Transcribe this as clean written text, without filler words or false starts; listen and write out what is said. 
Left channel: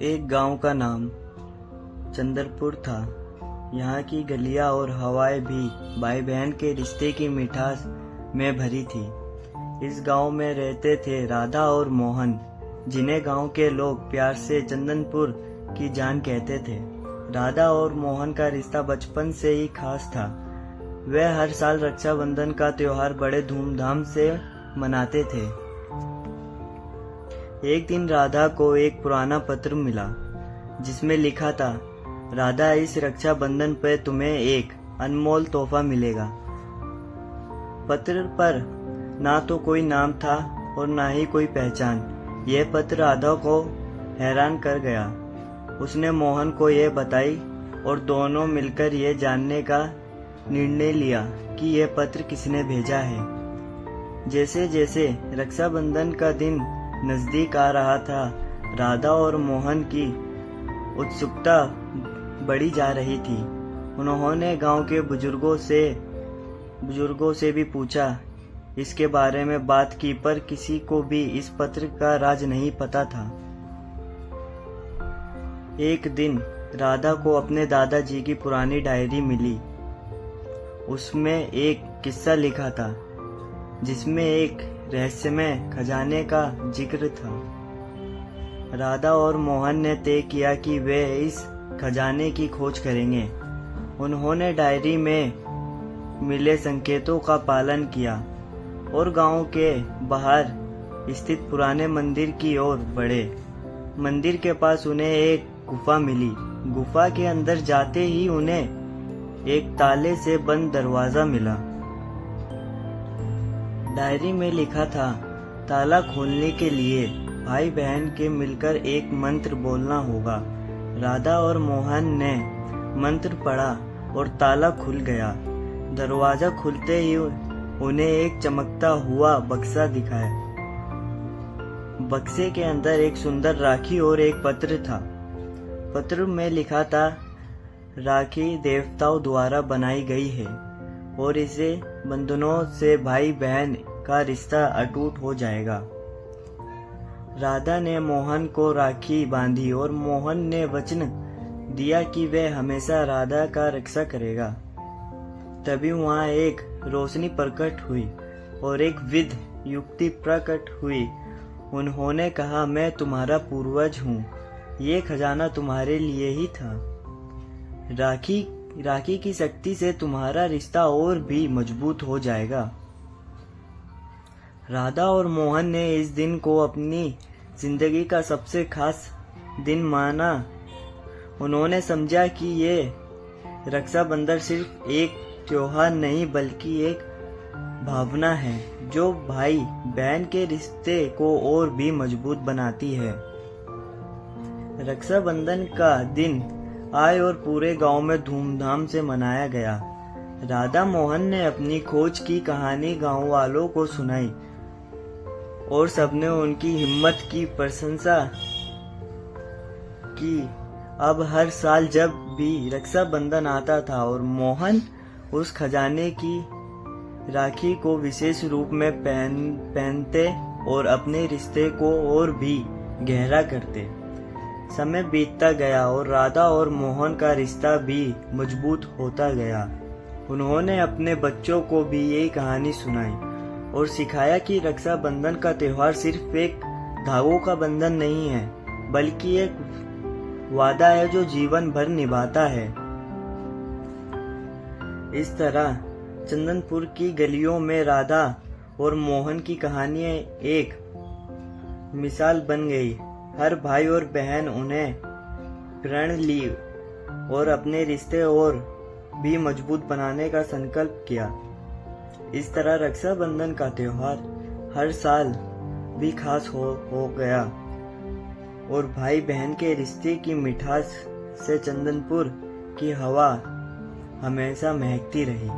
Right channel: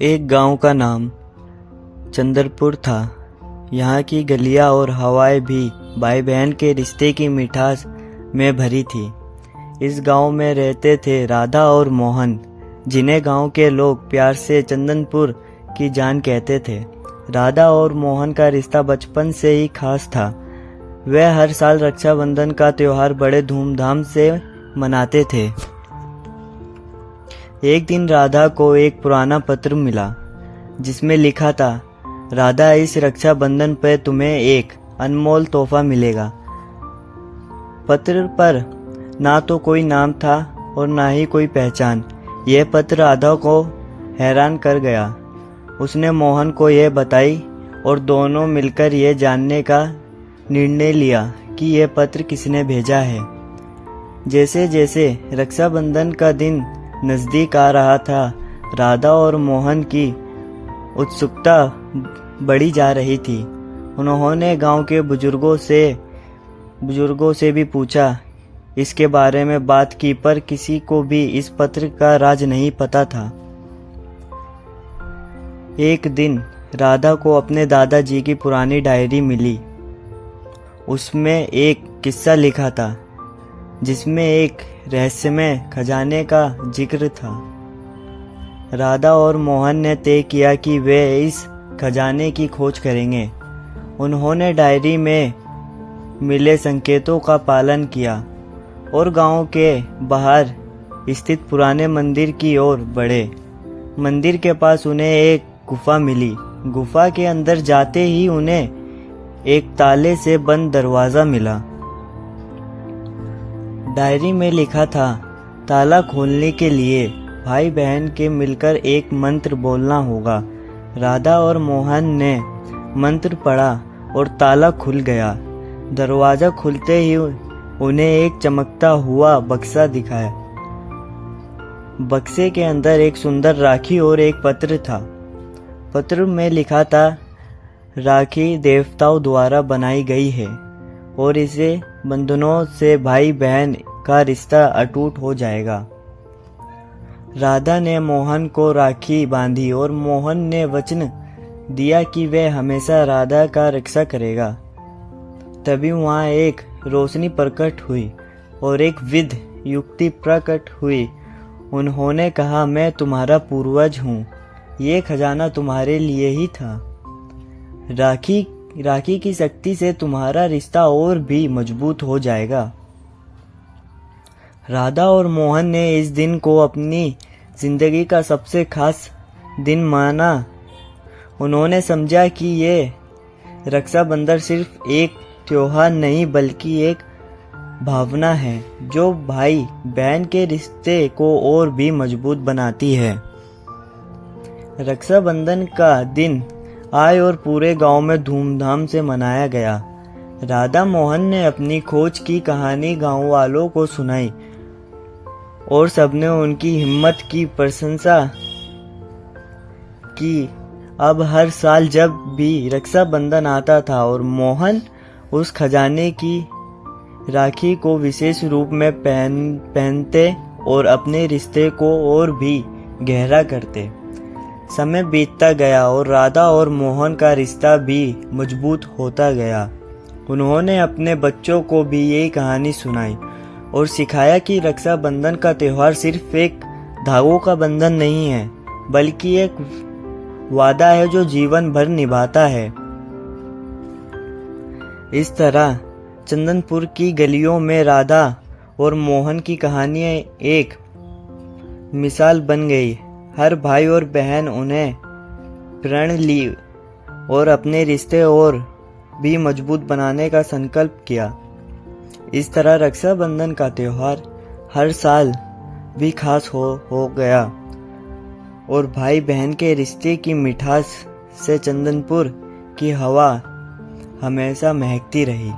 एक गांव का नाम चंद्रपुर था। यहाँ की गलियाँ और हवाएं भी भाई बहन के रिश्ते की मिठास में भरी थी। इस गांव में रहते थे राधा और मोहन, जिन्हें गांव के लोग प्यार से चंदनपुर की जान कहते थे। राधा और मोहन का रिश्ता बचपन से ही खास था। वे हर साल रक्षाबंधन का त्योहार बड़े धूमधाम से मनाते थे। एक दिन राधा को एक पुराना पत्र मिला जिसमें लिखा था, राधा, इस रक्षाबंधन पर तुम्हें एक अनमोल तोहफा मिलेगा। पत्र पर ना तो कोई नाम था और ना ही कोई पहचान। यह पत्र राधा को हैरान कर गया। उसने मोहन को यह बताई और दोनों मिलकर यह जानने का निर्णय लिया कि यह पत्र किसने भेजा है। जैसे जैसे रक्षाबंधन का दिन नज़दीक आ रहा था, राधा और मोहन की उत्सुकता बढ़ी जा रही थी। उन्होंने गांव के बुजुर्गों से भी पूछा, इसके बारे में बात की, पर किसी को भी इस पत्र का राज नहीं पता था। एक दिन राधा को अपने दादाजी की पुरानी डायरी मिली। उसमें एक किस्सा लिखा था जिसमें एक रहस्यमय खजाने का जिक्र था। राधा और मोहन ने तय किया कि वे इस खजाने की खोज करेंगे। उन्होंने डायरी में मिले संकेतों का पालन किया और गांव के बाहर स्थित पुराने मंदिर की ओर बढ़े। मंदिर के पास उन्हें एक गुफा मिली। गुफा के अंदर जाते ही उन्हें एक ताले से बंद दरवाजा मिला। डायरी में लिखा था, ताला खोलने के लिए भाई बहन के मिलकर एक मंत्र बोलना होगा। राधा और मोहन ने मंत्र पढ़ा और ताला खुल गया। दरवाजा खुलते ही उन्हें एक चमकता हुआ बक्सा दिखाया। बक्से के अंदर एक सुंदर राखी और एक पत्र था। पत्र में लिखा था, राखी देवताओं द्वारा बनाई गई है और इसे बंधनों से भाई बहन का रिश्ता अटूट हो जाएगा। राधा ने मोहन को राखी बांधी और मोहन ने वचन दिया कि वह हमेशा राधा का रक्षा करेगा। तभी वहां एक रोशनी प्रकट हुई और एक विध युक्ति प्रकट हुई। उन्होंने कहा, मैं तुम्हारा पूर्वज हूँ, ये खजाना तुम्हारे लिए ही था। राखी की शक्ति से तुम्हारा रिश्ता और भी मजबूत हो जाएगा। राधा और मोहन ने इस दिन को अपनी जिंदगी का सबसे खास दिन माना। उन्होंने समझा कि ये रक्षाबंधन सिर्फ एक त्योहार नहीं बल्कि एक भावना है जो भाई बहन के रिश्ते को और भी मजबूत बनाती है। रक्षाबंधन का दिन आए और पूरे गांव में धूमधाम से मनाया गया। राधा मोहन ने अपनी खोज की कहानी गांव वालों को सुनाई और सबने उनकी हिम्मत की प्रशंसा की। अब हर साल जब भी रक्षाबंधन आता था और मोहन उस खजाने की राखी को विशेष रूप में पहनते और अपने रिश्ते को और भी गहरा करते। समय बीतता गया और राधा और मोहन का रिश्ता भी मजबूत होता गया। उन्होंने अपने बच्चों को भी यही कहानी सुनाई और सिखाया कि रक्षाबंधन का त्योहार सिर्फ एक धागों का बंधन नहीं है बल्कि एक वादा है जो जीवन भर निभाता है। इस तरह चंदनपुर की गलियों में राधा और मोहन की कहानियां एक मिसाल बन गई। हर भाई और बहन उन्हें प्रण ली और अपने रिश्ते और भी मजबूत बनाने का संकल्प किया। इस तरह रक्षाबंधन का त्योहार हर साल भी खास हो गया और भाई बहन के रिश्ते की मिठास से चंदनपुर की हवा हमेशा महकती रही।